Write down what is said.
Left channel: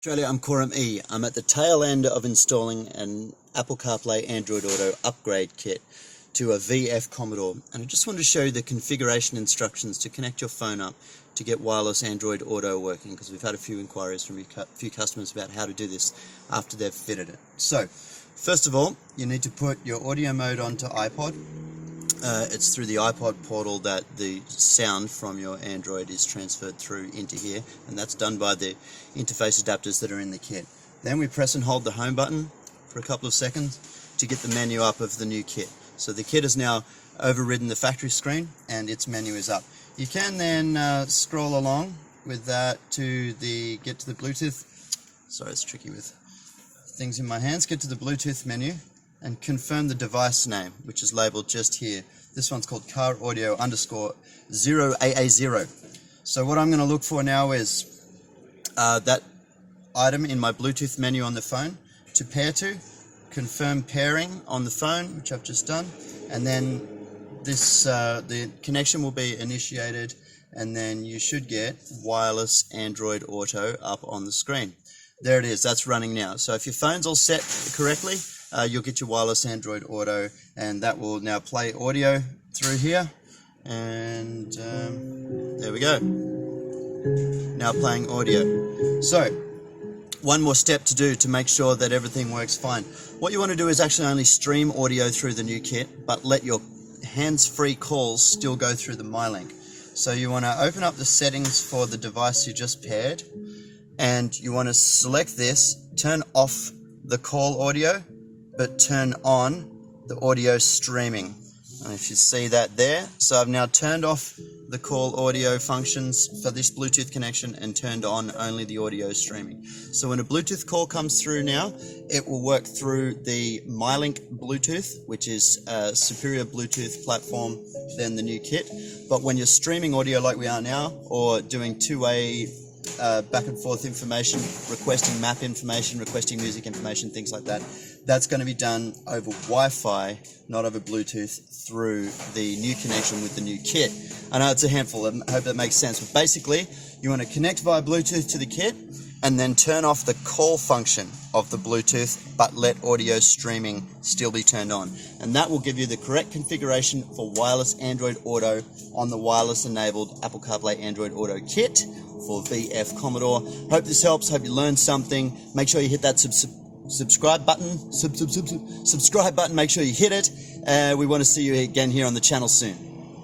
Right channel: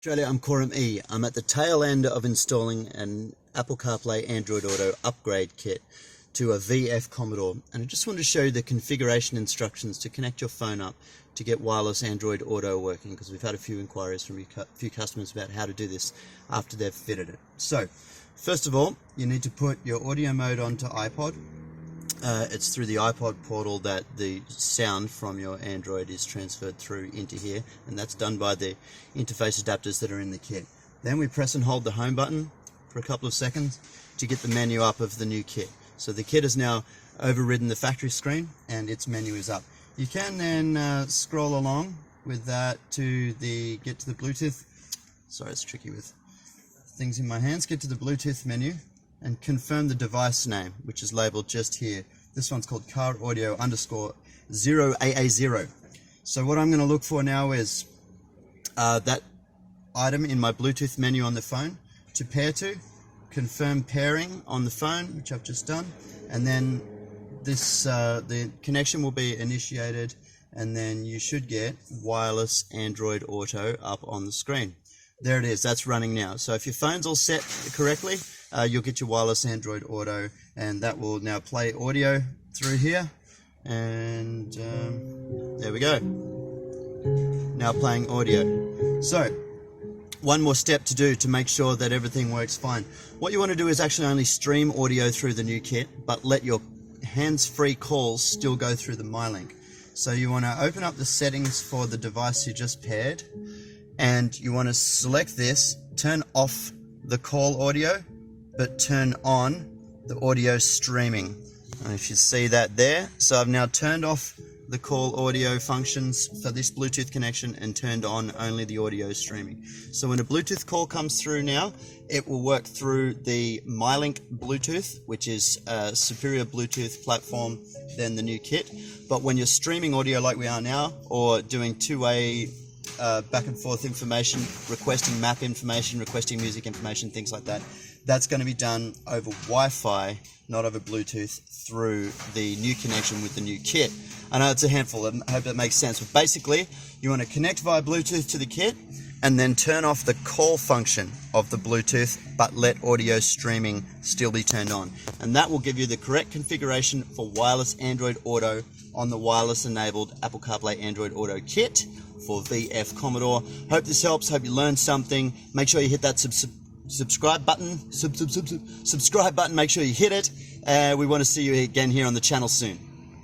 Australia, I'm Coram E. I'm at the tail end of installing an Apple CarPlay Android Auto upgrade kit to a VF Commodore, and I just wanted to show you the configuration instructions to connect your phone up to get wireless Android Auto working, because we've had a few inquiries from a few customers about how to do this after they've fitted it. So, first of all, you need to put your audio mode onto iPod. It's through the iPod portal that the sound from your Android is transferred through into here, and that's done by the interface adapters that are in the kit. Then we press and hold the home button for a couple of seconds to get the menu up of the new kit. So the kit has now overridden the factory screen and its menu is up. You can then scroll along with that to get to the Bluetooth. Sorry, it's tricky with things in my hands. Get to the Bluetooth menu and confirm the device name, which is labeled just here. This one's called car audio _0AA0. So what I'm going to look for now is that item in my Bluetooth menu on the phone to pair to, confirm pairing on the phone, which I've just done, and then this the connection will be initiated, and then you should get wireless Android Auto up on the screen. There it is, that's running now. So if your phone's all set correctly, you'll get your wireless Android Auto, and that will now play audio through here, and there we go, now playing audio. So one more step to do to make sure that everything works fine. What you want to do is actually only stream audio through the new kit, but let your hands-free calls still go through the MyLink. So you want to open up the settings for the device you just paired, and you want to select this, turn off the call audio, but turn on the audio streaming. And if you see that there, so I've now turned off the call audio functions for this Bluetooth connection and turned on only the audio streaming. So when a Bluetooth call comes through now, it will work through the MyLink Bluetooth, which is a superior Bluetooth platform than the new kit. But when you're streaming audio like we are now, or doing two-way back and forth information, requesting map information, requesting music information, things like that, that's going to be done over Wi-Fi, not over Bluetooth, through the new connection with the new kit. I know it's a handful, I hope that makes sense, but basically you want to connect via Bluetooth to the kit and then turn off the call function of the Bluetooth, but let audio streaming still be turned on. And that will give you the correct configuration for wireless Android Auto on the wireless enabled Apple CarPlay Android Auto kit for VF Commodore. Hope this helps, hope you learned something. Make sure you hit that subscribe button, subscribe button, make sure you hit it. We want to see you again here on the channel soon.